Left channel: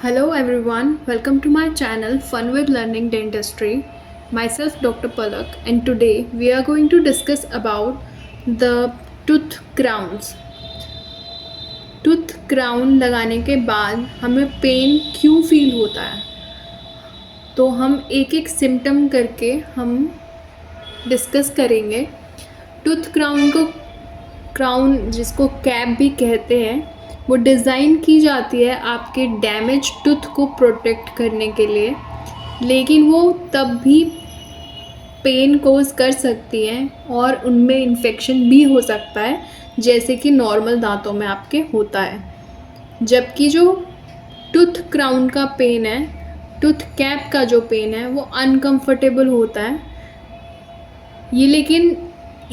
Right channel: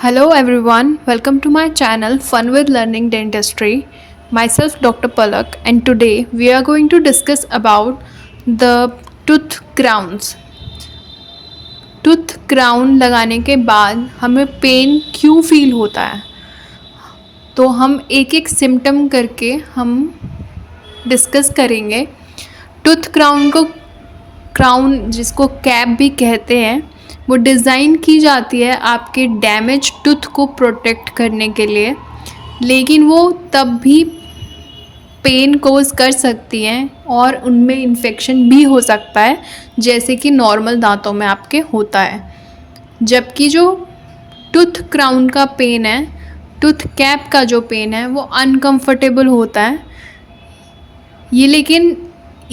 Hello everyone, welcome to my channel Fun with Learning Dentistry. Myself Dr. Palak, and today we are going to discuss about the tooth crowns. Tooth crown लगाने के बाद हमें pen क्यों feel होता है, तो हम एक एक सिम्टम करके हम डिस्कस करेंगे। टूथ क्राउन जिसको कैप भी कहते हैं, वो डिज़ाइन की जाती है आपके डैमेज टूथ को प्रोटेक्ट करने के लिए, लेकिन वो तब भी पेन कोज कर सकती हैं और उनमें इन्फेक्शन भी हो सकता है, जैसे कि नॉर्मल दांतों में आपके होता है। जबकि जो टूथ क्राउन का पेन है, टूथ कैप का जो पेन है, वो अनकंफर्टेबल होता है। ये लेकिन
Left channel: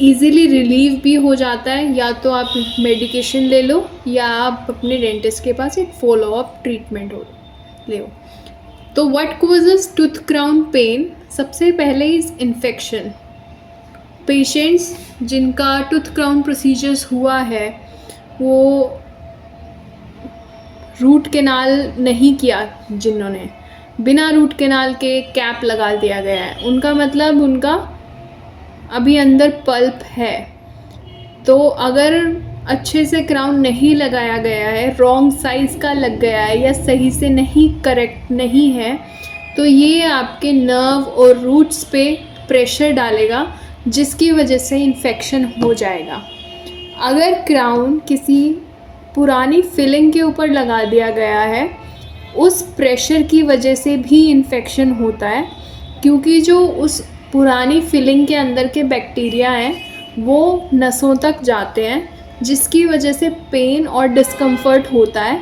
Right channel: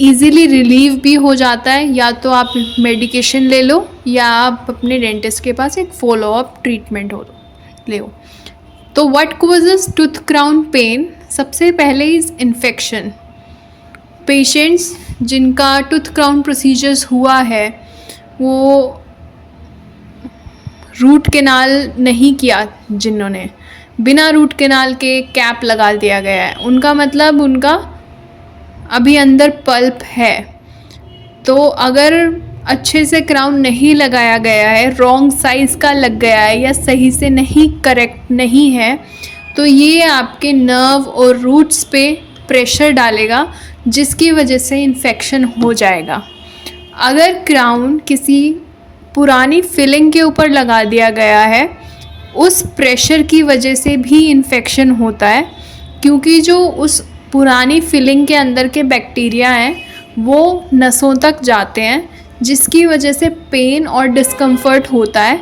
इजीली रिलीव भी हो जाता है, या तो आप मेडिकेशन ले लो या आप अपने डेंटिस्ट के पास एक फॉलो अप ट्रीटमेंट ले लो। तो what causes tooth crown pain? सबसे पहले इज़ इन्फेक्शन। पेशेंट्स जिनका टूथ क्राउन प्रोसीजर्स हुआ है, वो रूट कैनाल नहीं किया, जिन्होंने बिना रूट कैनाल के कैप लगा दिया गया है, उनका मतलब उनका अभी अंदर पल्प है। तो अगर अच्छे से क्राउन नहीं लगाया गया है, रॉन्ग साइज़ का लग गया है या सही से नहीं करेक्ट नहीं है, तो ये आपके नर्व और रूट्स पे प्रेशर डालेगा, जिसकी वजह से इन्फेक्शन हो जाएगा। अगर क्राउन किसी पुरानी फिलिंग के ऊपर लगा दिया गया है, उस प्रेशर की वजह से भी इन्फेक्शन होता है, क्योंकि जो उस पुरानी फिलिंग के अंदर के बैक्टीरिया हैं वो नसों तक जाते हैं, जिसकी वजह से पेन और डिस्कम्फर्ट होता है।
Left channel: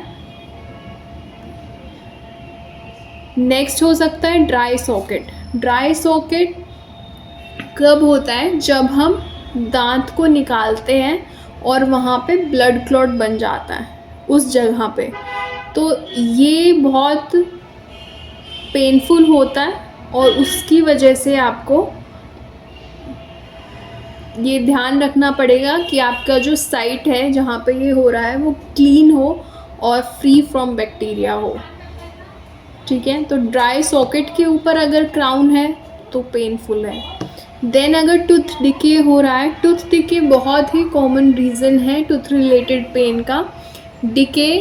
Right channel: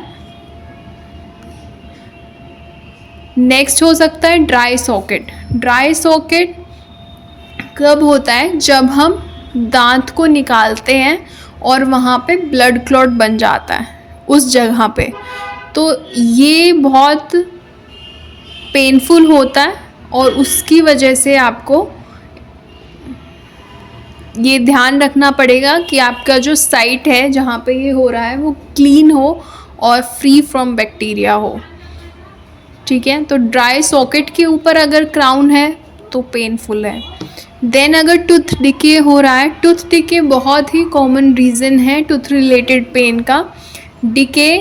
नेक्स्ट हो सकता है ड्राई सॉकेट। ड्राई सॉकेट कब होता है? जब हम दांत को निकालते हैं और वहाँ पे ब्लड क्लॉट बन जाता है उस जगह पे, तो ये बहुत पेनफुल होता है और उसकी वजह से आपको ये ध्यान रखना पड़ेगा कि आपका जो साइट है जहाँ पे ये हो रहा है वो क्लीन हो और फ्री फ्रॉम बैक्टीरिया हो। ठीक है, तो ड्राई सॉकेट के ऊपर अगर क्राउन है तो पेनफुल है। देन अगर टूथ डिके हो रहा है, टूथ डिके बहुत ही कॉमन रीज़न है टूथ रिलेटेड पेन का। डिके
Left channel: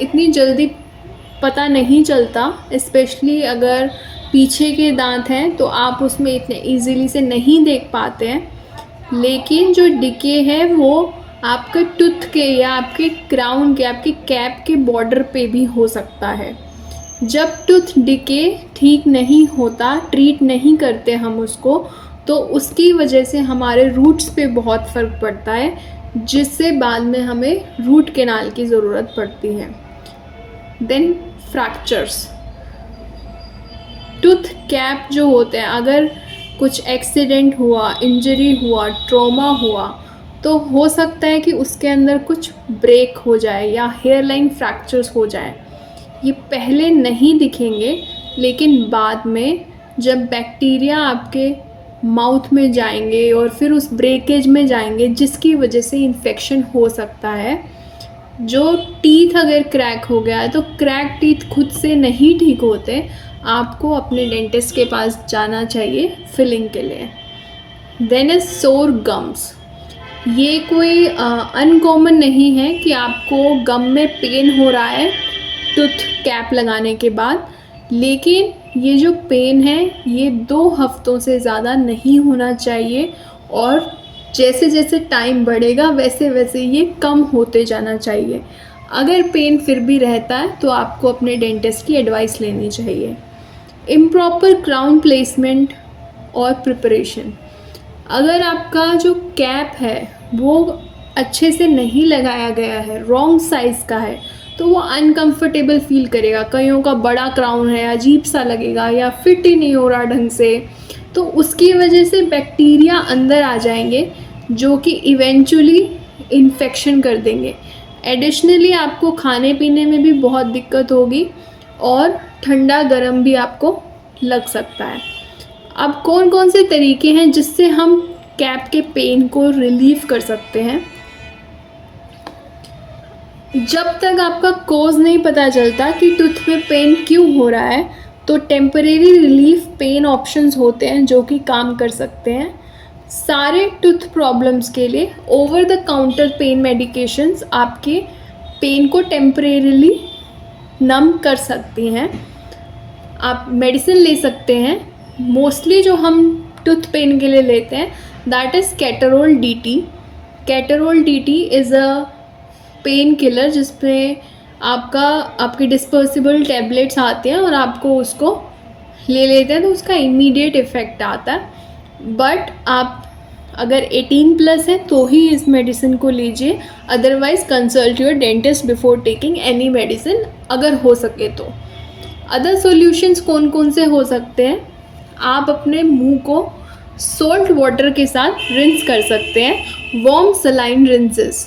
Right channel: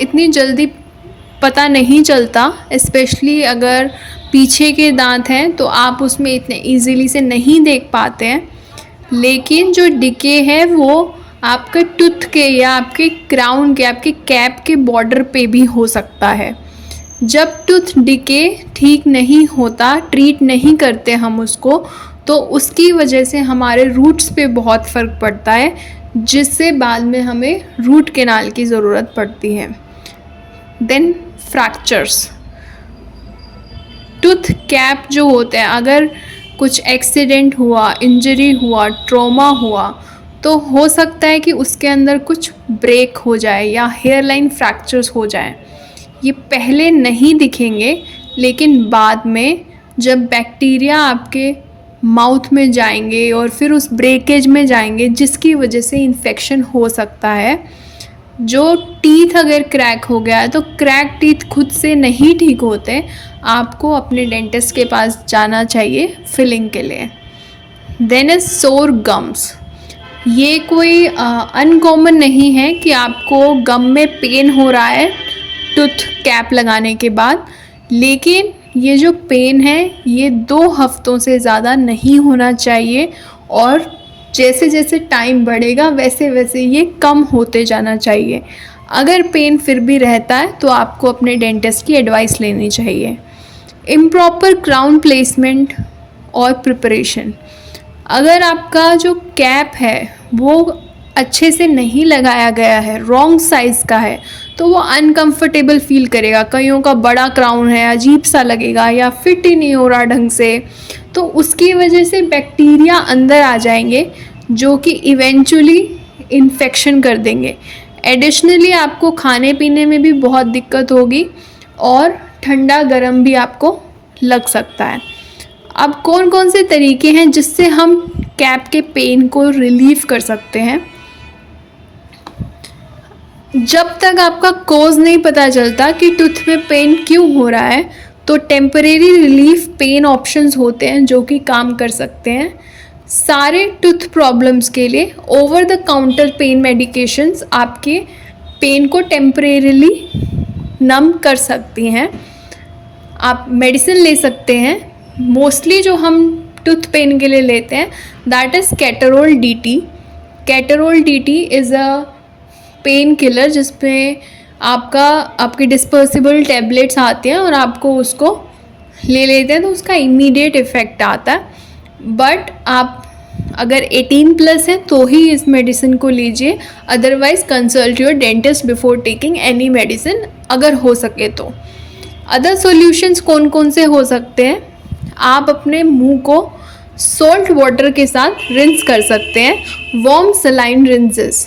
इतनी जल्दी पता नहीं चलता, स्पेशली अगर पीछे के दांत हैं तो आप उसमें इतने इजीली से नहीं देख पाते हैं, लेकिन जो डिके है वो आपके टूथ के या आपके क्राउन के, आपके कैप के बॉर्डर पे भी हो सकता है। जब टूथ डिके ठीक नहीं होता, ट्रीट नहीं करते हम उसको, तो उसकी वजह से हमारे रूट्स पे बहुत फ़र्क पड़ता है, जिससे बाद में हमें रूट कैनाल की ज़रूरत पड़ती है। Then fractures. टूथ कैप जो होते हैं, अगर कुछ एक्सीडेंट हुआ, इंजरी हुआ, ट्रॉमा हुआ, तो हो सकता है कि उसके अंदर कुछ ब्रेक हो जाए या हेयर लाइन फ्रैक्चर्स हो जाए। ये पहले नहीं दिखेंगे, लेकिन बाद में जब बैक्टीरिया आपके माउथ में जाएंगे और फिर उस ब्रेकेज में जाएंगे, जिसकी वजह से इन्फेक्शन हो सकता है। जो टीथ अगर क्रैक हो गया है, तो क्रैक टीथ खुद से नहीं ठीक होते, आपको अपने डेंटिस्ट के पास जाना चाहिए फिलिंग के लिए। देन इज सोर गम्स। ये कोई अनकॉमन नहीं है कि आपको गम में पेन हो रहा है टूथ कैप लगाने के बाद, लेकिन ये जो पेन है ये 2 हफ्तों से ज़्यादा नहीं होना चाहिए, और जैसे जैसे टाइम बढ़ेगा वैसे वैसे ये कम होते जाना चाहिए। अगर पेन फिर भी रहता है तो आपको अपने डेंटिस्ट की एडवाइस लेनी चाहिए। इम्प्रॉपर क्राउन प्लेसमेंट और प्रिपरेशन। अगर आपका जो कैप है वो अच्छे से नहीं लगाया गया है, रॉन्ग साइज़ का है, तो वो अनकंफर्टेबल फील करेगा। कईयों का बड़ा क्राउन है, अजीब सा लगेगा या फिट ही नहीं हो रहा ढंग से, तो उसकी वजह से बैक्टीरिया अंदर आ जाएंगे, जो कि इवेंचुअली इन्फेक्शन कर देंगे। एडिशनली आपको खाने पीने में भी बहुत दिक्कत होगी और ठंडा गर्म भी आपको लग सकता है। अब कौन कौन से तरीके हैं जिससे हम कैप के पेन को रिलीव कर सकते हैं? जब तक आपका कॉज नहीं पता चलता कि टूथ में पेन क्यों हो रहा है, तो टेम्परेरी रिलीफ पेन ऑप्शंस होते हैं जो कि काम कर सकते हैं। सारे टूथ प्रॉब्लम्स के लिए over the counter pain medications आपके पेन को टेम्परेरीली नम कर सकती हैं। आप मेडिसिन ले सकते हैं। मोस्टली जो हम टूथ पेन के लिए लेते हैं that is Ketorol DT। Ketorol DT is a painkiller जिसमें आपकी डिस्पर्सिबल टैबलेट्स आते हैं और आपको उसको ले लेते हैं तो उसका इमीडिएट इफ़ेक्ट आता है। बट आप अगर 18+ है तो ही इस मेडिसिन को लीजिए, otherwise consult your dentist before taking any medicine अगर हो सके तो। अदर सॉल्यूशंस कौन कौन से हो सकते हैं, आप अपने मुंह को सॉल्ट वाटर के साथ रिंस कर सकते हैं। वार्म सलाइन रिंसेस,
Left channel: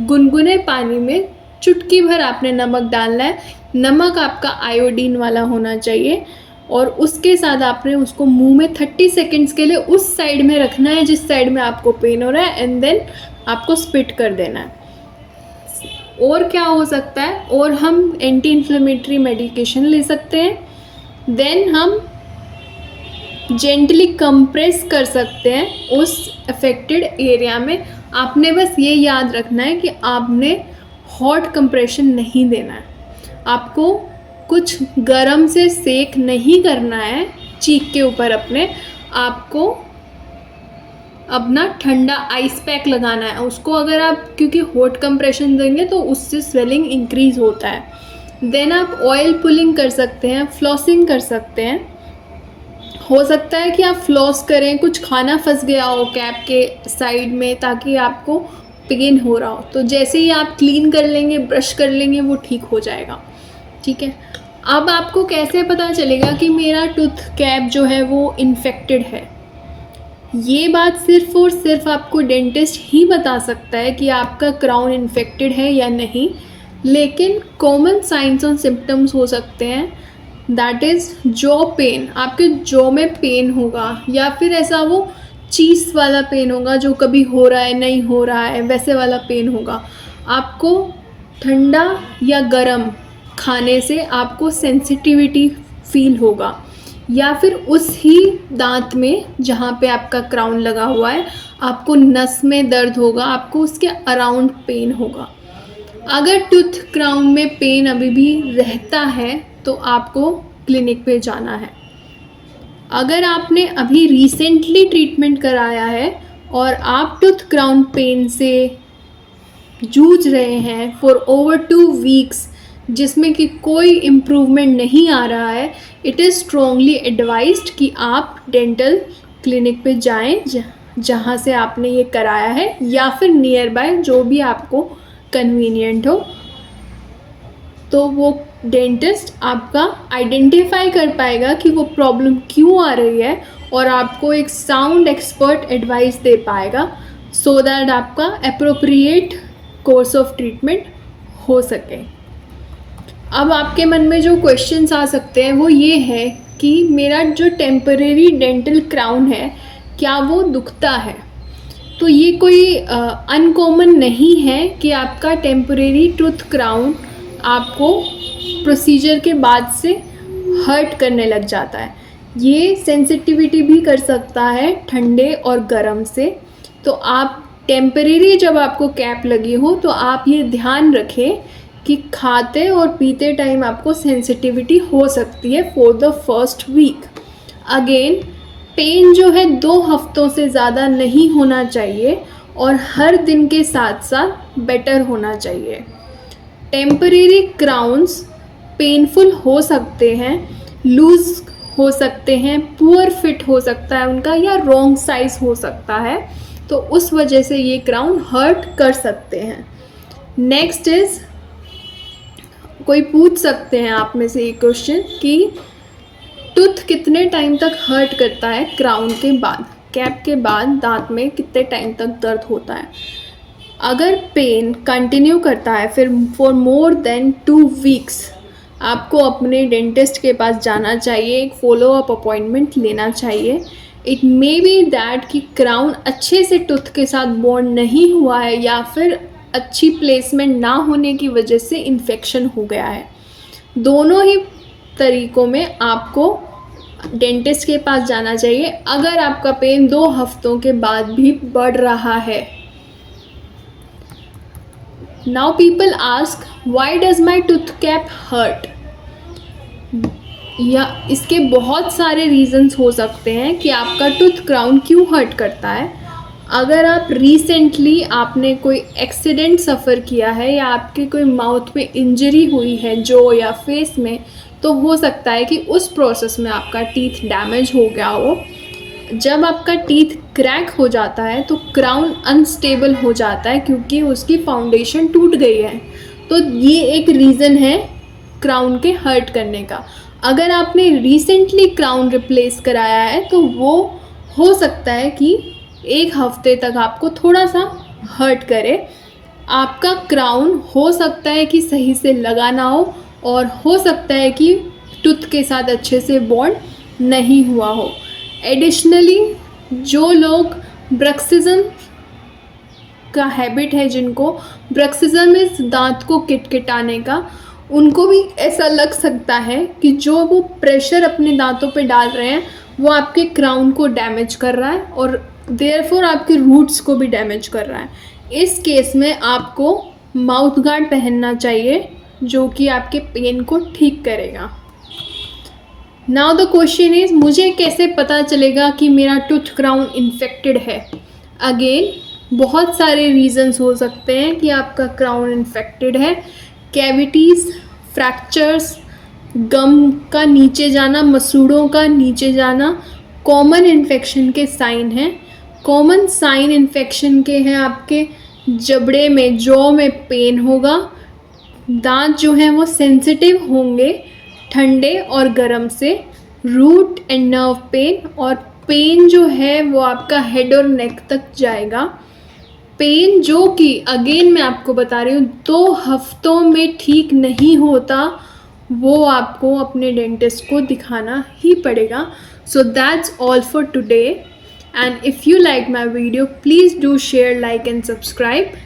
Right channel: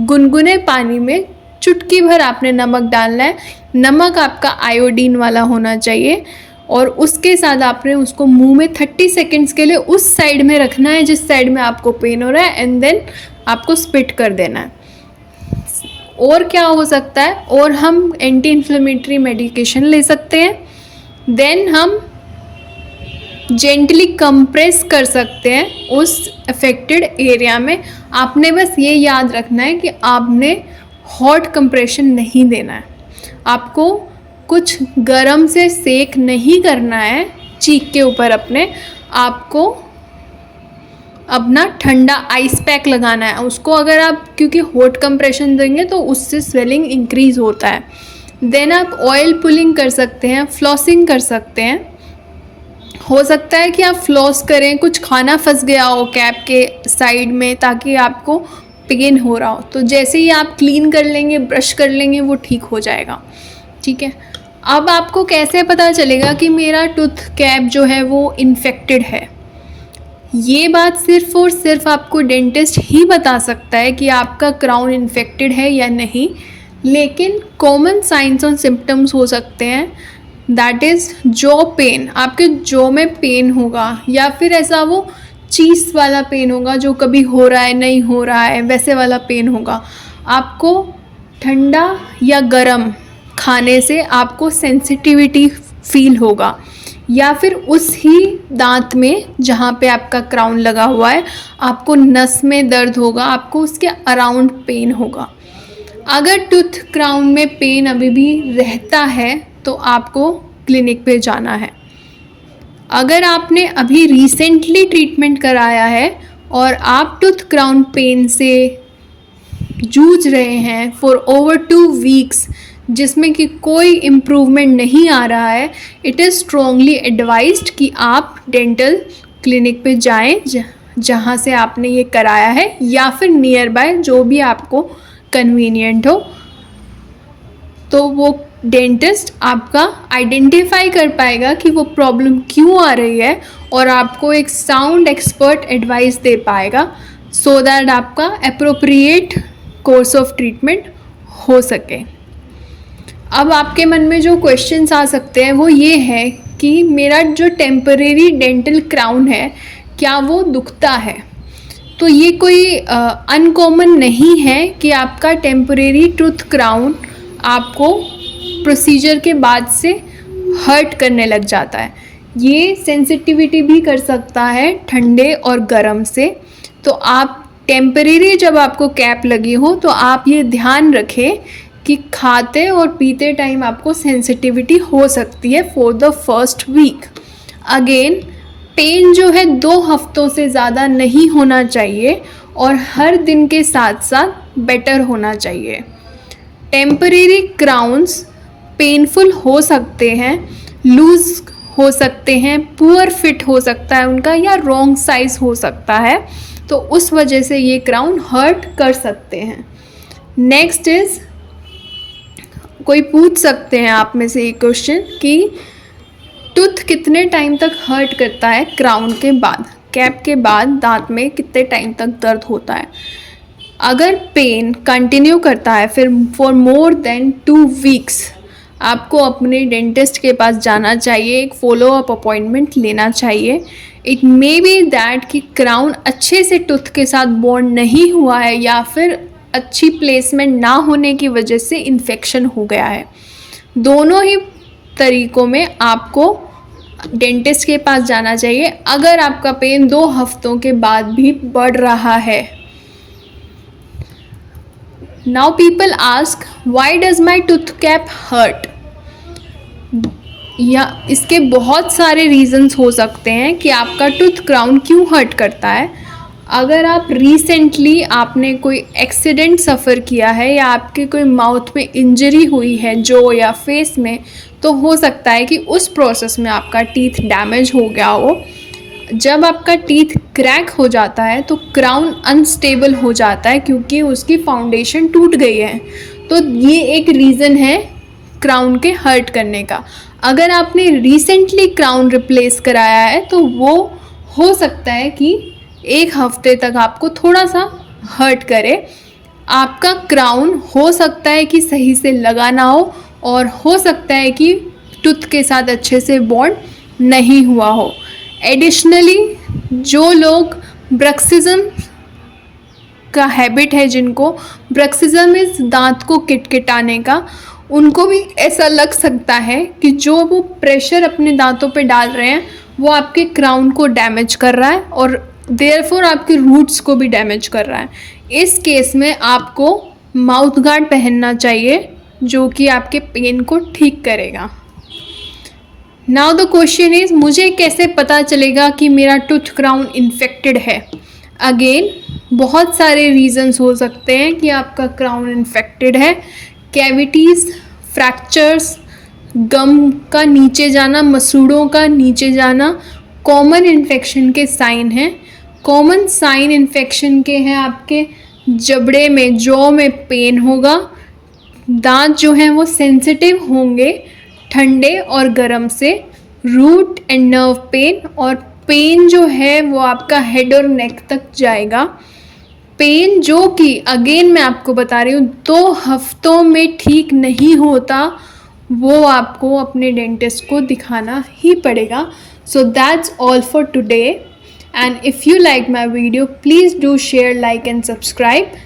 गुनगुने पानी में चुटकी भर आपने नमक डालना है। नमक आपका आयोडीन वाला होना चाहिए और उसके साथ आपने उसको मुंह में 30 सेकेंड्स के लिए उस साइड में रखना है जिस साइड में आपको पेन हो रहा है, एंड देन आपको स्पिट कर देना है। और क्या हो सकता है, और हम एंटी इन्फ्लेमेटरी मेडिकेशन ले सकते हैं। देन हम जेंटली कंप्रेस कर सकते हैं उस अफेक्टेड एरिया में। आपने बस ये याद रखना है कि आपने हॉट कंप्रेशन नहीं देना है, आपको कुछ गरम से सेक नहीं करना है चीक के ऊपर अपने, आपको अपना ठंडा आइस पैक लगाना है उसको। अगर आप क्योंकि हॉट कंप्रेशन देंगे तो उससे स्वेलिंग इंक्रीज होता है। देन आप ऑयल पुलिंग कर सकते हैं, फ्लॉसिंग कर सकते हैं। हो सकता है कि आप फ्लॉस करें, कुछ खाना फंस गया हो कैप के साइड में ताकि आपको पेन हो रहा हो, तो जैसे ही आप क्लीन कर लेंगे, ब्रश कर लेंगे, वो ठीक हो जाएगा। ठीक है, अब आपको कैसे पता चलेगा कि मेरा टूथ कैप जो है वो इन्फेक्टेड है? ये बात सिर्फ और सिर्फ आपको डेंटिस्ट ही बता सकता है कि आपका क्राउन इन्फेक्टेड है या नहीं। लेकिन कॉमन साइंस और सिम्टम्स हो सकते हैं, दैट इज़ जॉ पेन, आपके जॉ में पेन होगा, या फिर ऐसा वो चीज़ वाला पेन होगा जो कभी हो रहा है नहीं हो रहा है वैसे वाला पेन होगा। आपको ठंडा या गरम खाने से आपको सेंसिटिविटी फील होगा, या फिर उस ही दांत में जहाँ पे आपका क्राउन लगा हुआ है आपको नस में दर्द होगा, आपको उसके अराउंड पेन होगा। अगर टूथ क्राउन में पेन अभी भी रहता है तो आपको क्लिनिक पे जाना है। अगर आपने अभी रिसेंटली ट्रीटमेंट कराया है और आप टूथ क्राउन पेन से जूझ रहे हैं फॉर ओवर 2 वीक्स जिसमें कि कोई इम्प्रूवमेंट नहीं आ रहा है, इट इज़ स्ट्रॉन्गली एडवाइज्ड कि आप डेंटल क्लिनिक पे जाएं जहाँ से आपने ये कराया है, या फिर नियर बाय जो भी आपको कन्वीनियंट हो। तो वो डेंटिस्ट आपका आइडेंटिफाई कर पाएगा कि वो प्रॉब्लम क्यों आ रही है और आपको एक साउंड एक्सपर्ट एडवाइस दे पाएगा, सो दैट आपका अप्रोप्रिएट कोर्स ऑफ ट्रीटमेंट हो सके। अब आपके मन में जो क्वेश्चंस आ सकते हैं वो ये है कि मेरा जो टेम्परेरी डेंटल क्राउन है क्या वो दुखता है? तो ये कोई अनकॉमन नहीं है कि आपका टेम्परेरी टूथ क्राउन आपको प्रोसीजर के बाद से हर्ट करने लग जाता है। ये सेंसिटिविटी भी कर सकता है ठंडे और गर्म से। तो आप टेम्परेरी जब आपको कैप लगी हो तो आप ये ध्यान रखें कि खाते और पीते टाइम आपको सेंसिटिविटी हो सकती है for the first week. Again pain जो है 2 हफ्तों से ज़्यादा नहीं होना चाहिए और हर दिन के साथ साथ बेटर होना चाहिए। टेम्परेरी क्राउन्स पेनफुल हो सकते हैं, लूज़ हो सकते हैं, पुअर फिट हो सकता है उनका, या रॉन्ग साइज़ हो सकता है, तो उस वजह से ये क्राउन हर्ट कर सकते हैं। नेक्स्ट इज़, कोई पूछ सकते हैं आप में से ये क्वेश्चन कि टूथ कितने टाइम तक हर्ट करता है क्राउन के बाद, कैप के बाद दांत में कितने टाइम तक दर्द होता है? अगर पेन कंटिन्यू करता है फिर फॉर मोर देन 2 वीक्स आपको अपने डेंटिस्ट के पास जाना चाहिए, एक फॉलो अप अपॉइंटमेंट लेना चाहिए। इट मे बी दैट कि क्राउन अच्छे से टूथ के साथ बॉन्ड नहीं हुआ है, या फिर अच्छी प्लेसमेंट ना होने की वजह से इन्फेक्शन हो गया है। दोनों ही तरीक़ों में आपको डेंटिस्ट के पास जाना चाहिए अगर आपका पेन 2 हफ्तों के बाद भी बढ़ रहा है। Now people ask why does my tooth cap hurt. या इसके बहुत सारे रीज़न्स हो सकते हैं कि आपका टूथ क्राउन क्यों हर्ट करता है। अगर आप रिसेंटली आपने कोई एक्सीडेंट सफ़र किया है या आपके कोई माउथ में इंजरी हुई है जो या फेस में, तो हो सकता है कि उस प्रोसेस में आपका टीथ डैमेज हो गया हो। जब आपका टीथ क्रैक हो जाता है तो क्राउन अनस्टेबल हो जाता है क्योंकि उसकी फाउंडेशन टूट गई है। तो ये एक रीज़न है क्राउन के हर्ट करने का। अगर आपने रिसेंटली क्राउन रिप्लेस कराया है तो वो हो सकता है कि 1 हफ्ते तक आपको थोड़ा सा हर्ट करे। आपका क्राउन हो सकता है कि सही से लगा ना हो और हो सकता है कि टूथ के साथ अच्छे से बॉन्ड नहीं हुआ हो। एडिशनली जो लोग ब्रक्सिज्म का हैबिट है, जिनको ब्रक्सिज्म इस दांत को किटकिटाने का, उनको भी ऐसा लग सकता है कि जो वो प्रेशर अपने दांतों पे डाल रहे हैं वो आपके क्राउन को डैमेज कर रहा है और देयरफॉर आपके रूट्स को भी डैमेज कर रहा है। इस केस में आपको माउथ गार्ड पहनना चाहिए जो कि आपके पेन को ठीक करेगा। नाउ द क्वेश्चन इज़, मुझे कैसे पता चलेगा कि मेरा टूथ क्राउन इन्फेक्टेड है। अगेन बहुत सारे रीज़न्स हो सकते हैं कि आपका क्राउन इन्फेक्टेड है। कैविटीज़, फ्रैक्चर्स, गम का नीचे जाना, मसूड़ों का नीचे जाना कॉमन इन्फेक्शन के साइन हैं। कॉमन साइन इन्फेक्शन के हैं आपके जबड़े में, जॉ में पेन होगा, दांत जो हैं वो सेंसिटिव होंगे ठंडे और गर्म से, रूट एंड नर्व पेन, और पेन जो है वो आपका हेड और नेक तक जाएगा। पेन जो कि अगेन मैं आपको बता रही हूँ 2 हफ्तों में ठीक नहीं होता, वो आपको अपने डेंटिस्ट को दिखाना ही पड़ेगा। So that's all for today, and if you like my video please do share, like and subscribe.